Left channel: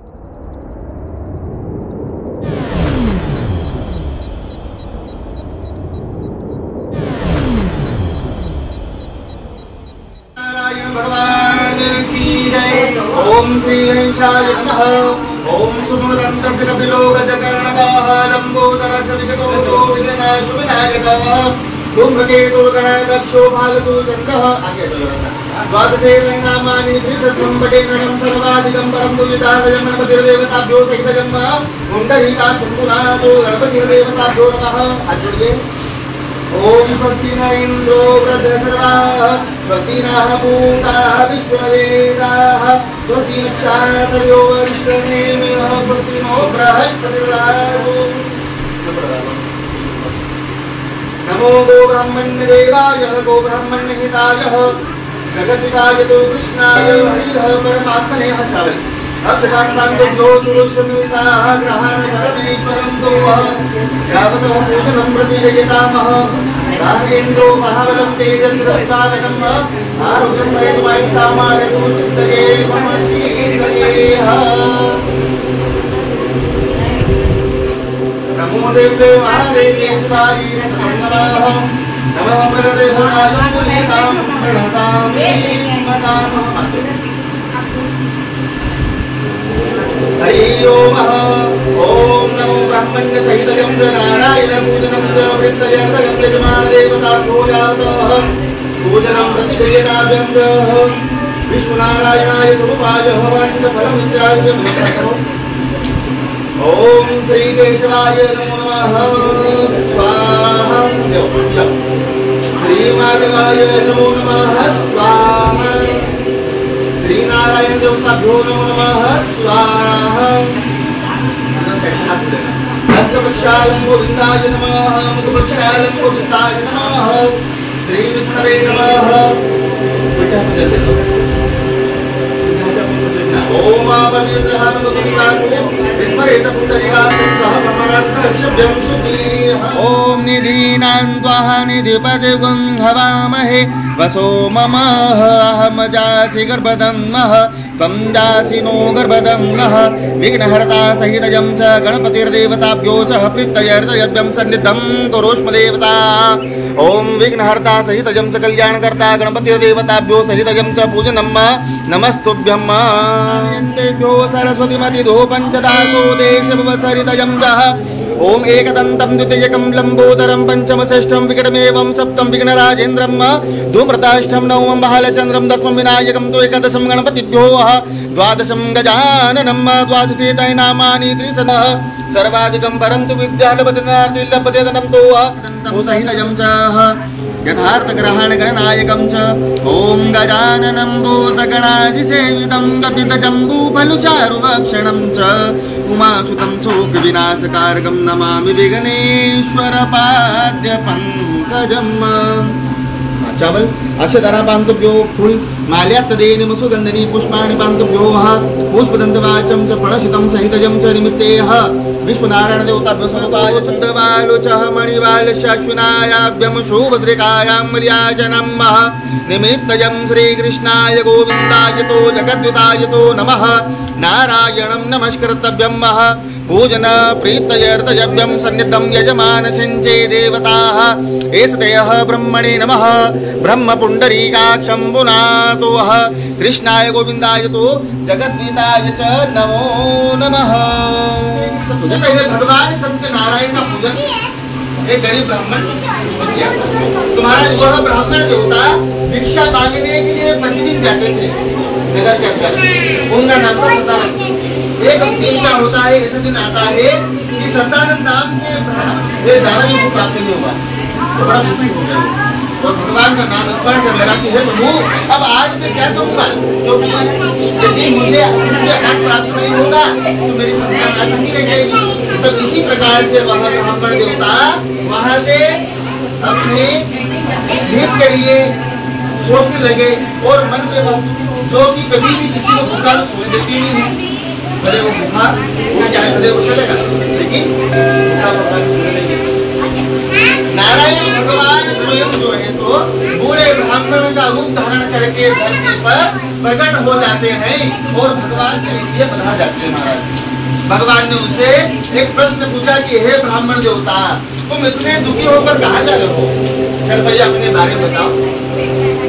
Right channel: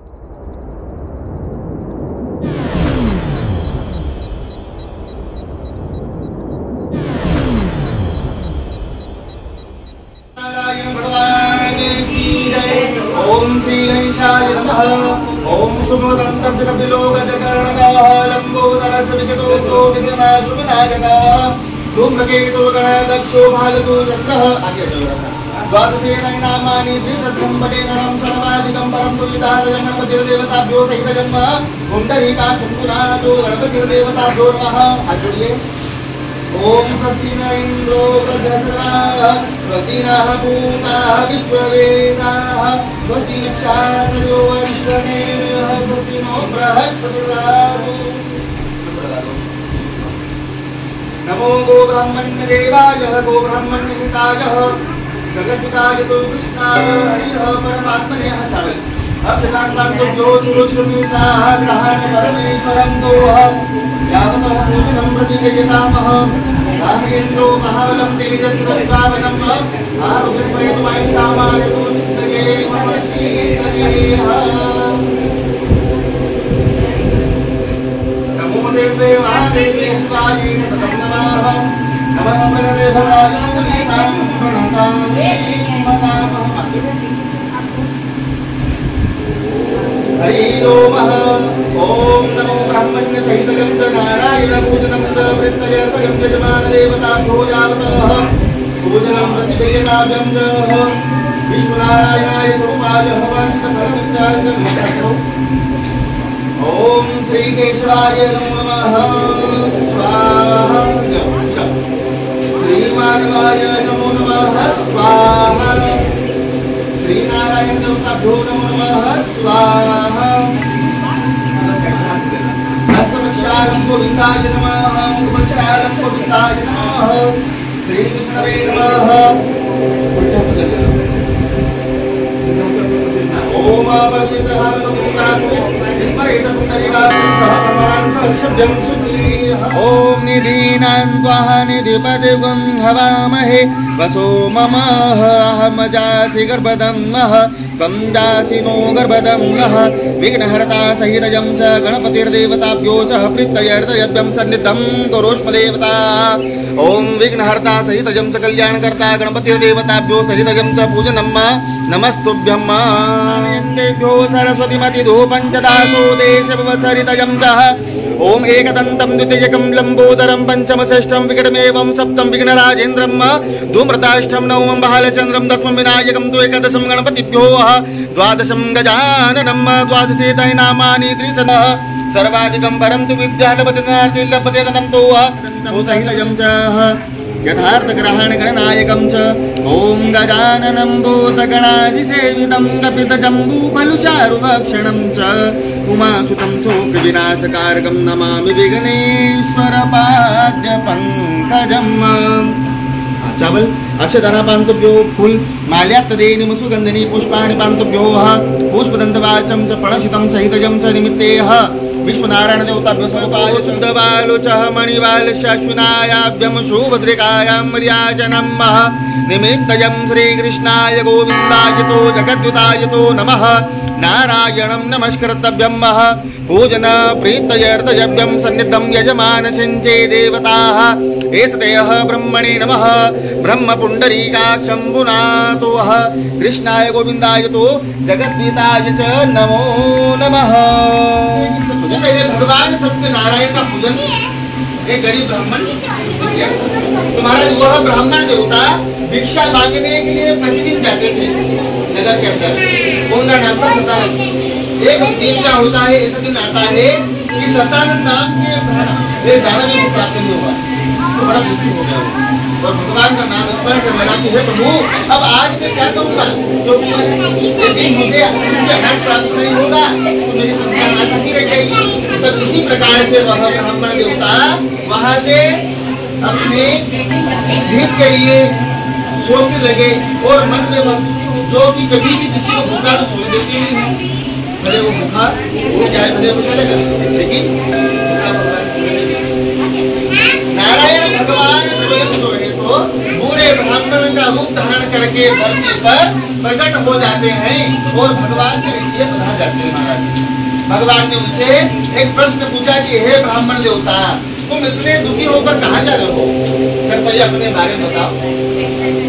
ओम श्री गणेशाय नमः। ओम सुमदन्तसिकपिलोकचकर्णकाः लम्बोदरसविकटो विघ्ननाशुविनायकः धूम्रकेतुर्गणदक्षो भालतो चन्द्रः। आगे द्वादशे नामानि त्रिशतं पठेरणं सर्वाधिकं परं पूजितार्थं गणपतिर्देवताभ्यो सहितं पुण्डरीकाक्षुनाथो गणपतिर्देवताभ्यो नमः। आगे ओम स्वस्ति न इंद्रो वृद्धसर्वाः स्वस्तिनः पूताः विश्ववेदाः स्वस्ति नक्षत्रो अरिष्टनेमिः स्वस्ति नो बृहस्पतिर्दधातु। नमो गो ब्रह्मण्य देवाय गो ब्रह्मण्य हिताय जगद्विताय तो कृष्णाय हरिः परमात्मने हसावे अक्षरांतो सुरश्रमिताः ग्रहाण परमेश्वरं तोः यावतो पूजनं प्रतिजयतामः रामेन्द्रो महाबलं तेजस्विस्वामिनम् आरुष्मयमायुष्कामाय सिद्धये मनसीन्दयेह। नमो देवे महादेवे शिवाजी नमः नमः प्रदेवाय पुनीतां प्रणतामि स्मरामः। हरि ओम ओम नमो ब्रह्मण्य सहितं नारायण पूजनं वृत्तयर्तयं यजमान देवताभ्यो यावतः पूजनं प्रतिदेवताभ्यं विश्वनारायणाय समुपाय वाञ्छितफलमित्याय च विष्णो। ओम श्री केशवाय नमो नमः स्वाहा। श्री माधवाय नमो नमः स्वाहा। श्री नारायण देवताभ्यो नमो नमः स्वाहा। हस्तवक्षालं गोविन्दाय नमः मुखवक्षालं गोविन्दाय नमः। श्री विष्णवे नमः। ओम ओम निधीनां त्वः निधिपतिगुं हवामहे वसो मम अहमजासि गर्भदम्नः त्वं जासि नो गर्भदम्नः विघ्नहर्ता सहितं च गणपतिर्देवताभ्यो च प्रीत्यर्थयभ्यं सन्निधं कुरुष्म देवता। ओम विघ्नहर्ता सहितं च कल्याणकर्ता गणपतिर्देवताभ्यो सहितं च पूजनं नमस्तुभ्यं। देभ्यो सरस्वतीमतिधूपं च दासो देशवसरितं च ओम एकदन्तं द्वितीयकं लंबोदरं पंचम षष्ठं विकटमेवं सप्तम विघ्नराजेन्द्रं धूम्रताष्टं नवमं बालचन्द्रं दशमं विनायकं तु एकादशं गणपतिभ्यो द्वादशं गजाननं द्वादशे नामानि त्रिशतः सर्वाधिकं परं तु विद्यालपतिनार्ति लभते धनं तु सहितं च यथार्थग्रहण गणनायकं च ओम गजाननं भूतगणाधिसेवितं कपितजम्बूफलचारुभक्षणं च उमासुतं शोकविनाशकारकं नमामि विघ्नेश्वरपाद्यपङ्कजम्। चावल अक्षतारा पान्तुभ्यो फूल माल्यात्तदेनि सुगन्धनि पुष्पाणि पान्तुभ्यो पुष्पदन्तवाचं च प्रणशितं सहितं च निमित्तेः विश्वनारायण देवताभ्यो समुपाय छन्दवालोचः मणिवालशाश्विनायाभ्यं सुभद्रिकायां मर्याजनं निमित्तयं श्रीकृष्णाय गोविन्दाय तो जगद्युताय तो नमः नारायणं नमस्कृतव्यं पूजन प्रीत्यर्थयभ्यं सन्निधं यजमान सिञ्चे देवताः एषतेः ब्रह्मणे नमः ब्रह्म पुण्डरीकाक्षं पुनातो कृष्णाय गोविन्दाय तो जगद्गीताय च नमो नमः। सबसे पहले भगवान सत्यनारायण का पूजन एक गरीब ब्राह्मण किया। तुम्हारा वह ब्राह्मण देवता दीक्षा मांगने के लिए प्रतिदिन जाते थे नगर के अंदर। उनका नाम था सतानंद। एक दिन क्या होता है, ऐसा दिन आता है कि सतानंद नाम के दाना को प्राप्त नहीं होगा तो बड़ा दुखी हो गया तो भगवान का नाम स्मरण कर लगा कि हे प्रभु अब आज मैं क्या करूँगा, क्योंकि यदि मुझे अनाज प्राप्त नहीं होगा तो मेरी संतान अटकी रह जाएगी। तब इसी प्रकार से वह ब्राह्मण देवता वहां से अपने हित के लिए सोचने लगे और मन में जो कि कभी भी किसी को भूखा तो सोने देती नहीं है, भले वो भूखा उठ जाए भले वो चलेगा, लेकिन नारायण भगवान स्वयं जो है तो बूढ़े ब्राह्मण का रूप धारण करके धरती पर प्रकट हो जाते हैं और भगवान के लिए पधार जाते हैं। महाराज भगवान ने उनसे एक प्रश्न पूछा कि हे ब्राह्मण देवता, तुम इतने दुखी होकर कहाँ जा रहे हो? कृपया अपने बारे में बताओ।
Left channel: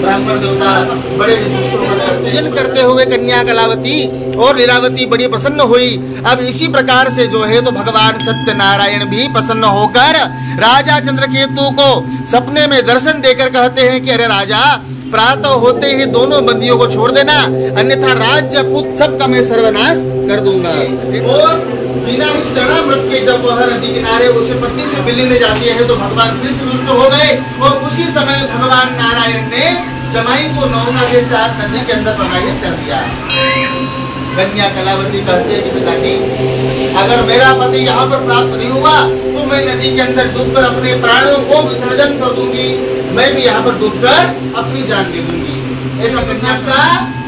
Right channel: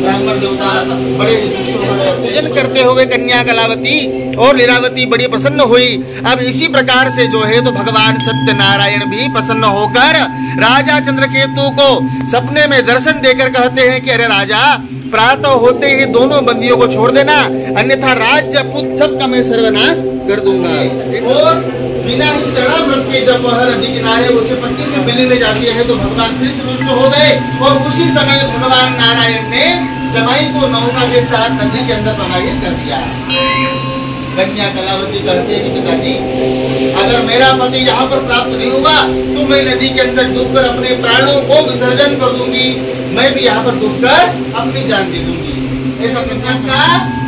ब्राह्मण देवता बड़े दुखी होकर पूजन करते हुए कन्या कलावती और लीलावती बड़ी प्रसन्न हुई। अब इसी प्रकार से जो है तो भगवान सत्यनारायण भी प्रसन्न होकर राजा चंद्रकेतु को सपने में दर्शन देकर कहते हैं कि अरे राजा, प्रातः होते ही दोनों बंदियों को छोड़ देना, अन्यथा राज्य पुत्र सबका मैं सर्वनाश कर दूंगा। और बिना ही शरणामृत के जब वह नदी किनारे उसे पत्नी से मिलने जाती है तो भगवान फिर से रुष्ट हो गए और उसी समय भगवान नारायण ने जमाई को नौका के साथ नदी के अंदर प्रवाहित कर दिया। कन्या कलावती कहते हैं पिताजी, अगर मेरा पति यहाँ पर प्राप्त नहीं हुआ तो मैं नदी के अंदर डूबकर अपने प्राणों को विसर्जन कर दूंगी, मैं भी यहाँ पर डूबकर अपनी जान दे दूंगी। ऐसा कन्या का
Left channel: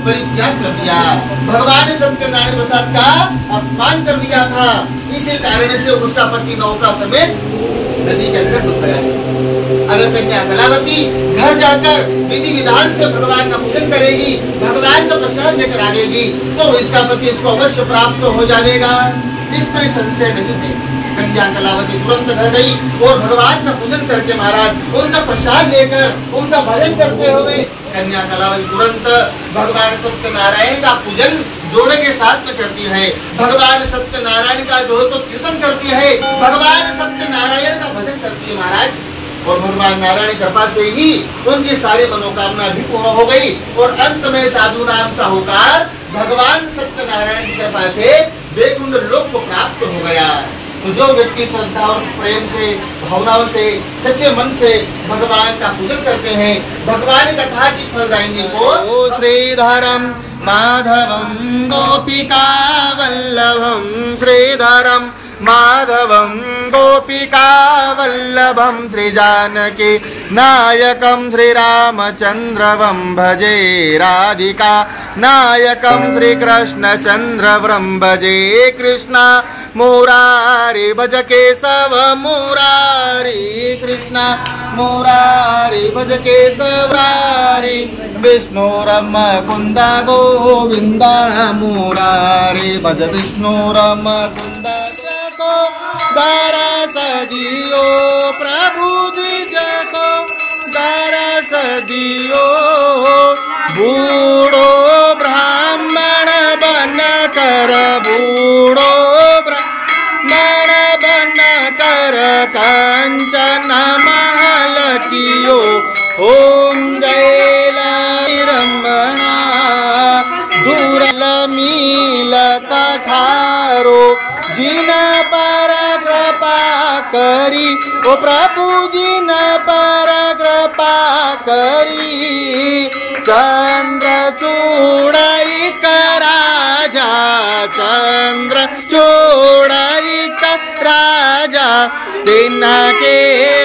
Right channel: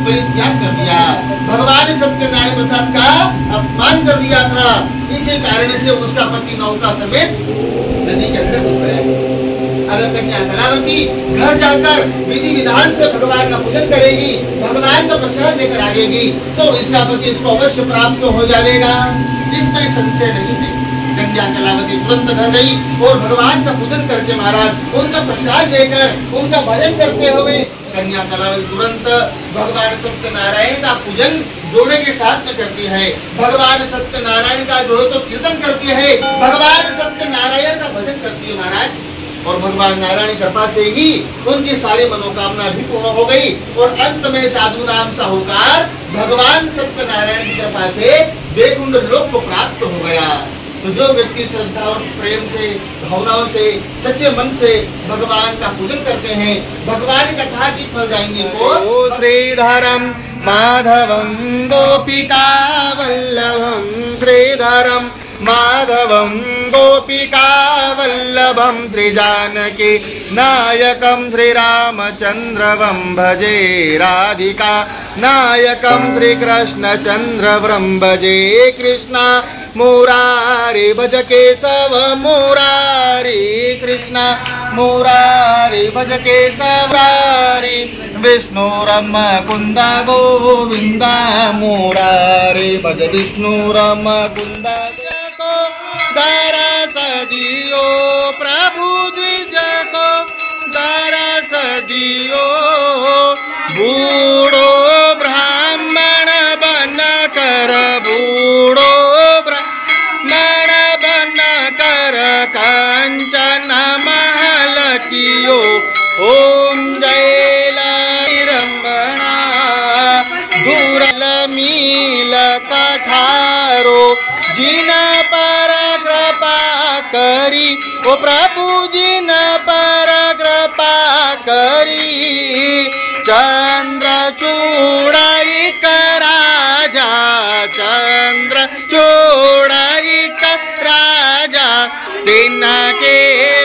परित्याग कर दिया। भगवान ने सत्यनारायण प्रसाद का अपमान कर दिया था, इसी कारण से उसका पति नौका समेत नदी के अंदर डूब गया। अगर कन्या कलावती घर जाकर विधि विधान से भगवान का पूजन करेगी, भगवान का प्रसाद लेकर आएगी, तो इसका पति इसको अवश्य प्राप्त हो जाएगा, इसमें संशय नहीं है। कन्या कलावती तुरंत घर गई और भगवान का पूजन करके महाराज उनका प्रसाद लेकर उनका भजन करते हुए कन्या कलावती तुरंत भगवान सत्यनारायण का पूजन जोड़े के साथ में करती है। भगवान सत्यनारायण का जो है तो कीर्तन करती है, भगवान सत्यनारायण का भजन करती है महाराज। और भगवान नारायण कृपा से ही उनकी सारी मनोकामना भी पूर्ण हो गई और अंत में साधु नाम साहूकार भगवान सत्यनारायण की कृपा से वैकुंठ लोक को प्राप्त हो गया। तो जो व्यक्ति श्रद्धा और प्रेम से, भावनाओं से, सच्चे मन से भगवान का पूजन करते हैं, भगवान की कथा की फलदायिनी को श्रीधरम माधवम गोपिका वल्लभम, श्रीधरम माधवम गोपिका वल्लभम, श्री जानकी नायकम श्री रामचंद्रवम भजे, राधिका नायकम श्री कृष्ण चंद्रवम भजे, कृष्णा मुरारी भज केशव मुरारी, कृष्ण मुरारी भज केशव मुरारी, विष्णुरम कुंद गोविंद मुरारी भज विष्णुरम कुंद को दरस दियो प्रभु द्विज को दरस दियो, बूढ़ो ब्राह्मण बन कर बूढ़ो कंचन महल कियो, ओम जय रमणा दुर्ल मील कठारो, जिन पर कृपा करी ओ प्रभु जिन पर कृपा करी, चंद्र चूड़ाई का राजा, चंद्र चूड़ाई का राजा, तिनके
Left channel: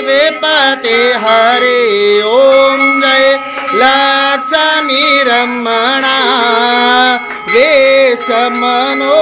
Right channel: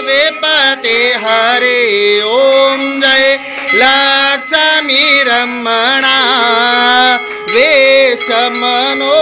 विपते हरे, ओम जय लक्ष्मी रमणा वेश मनो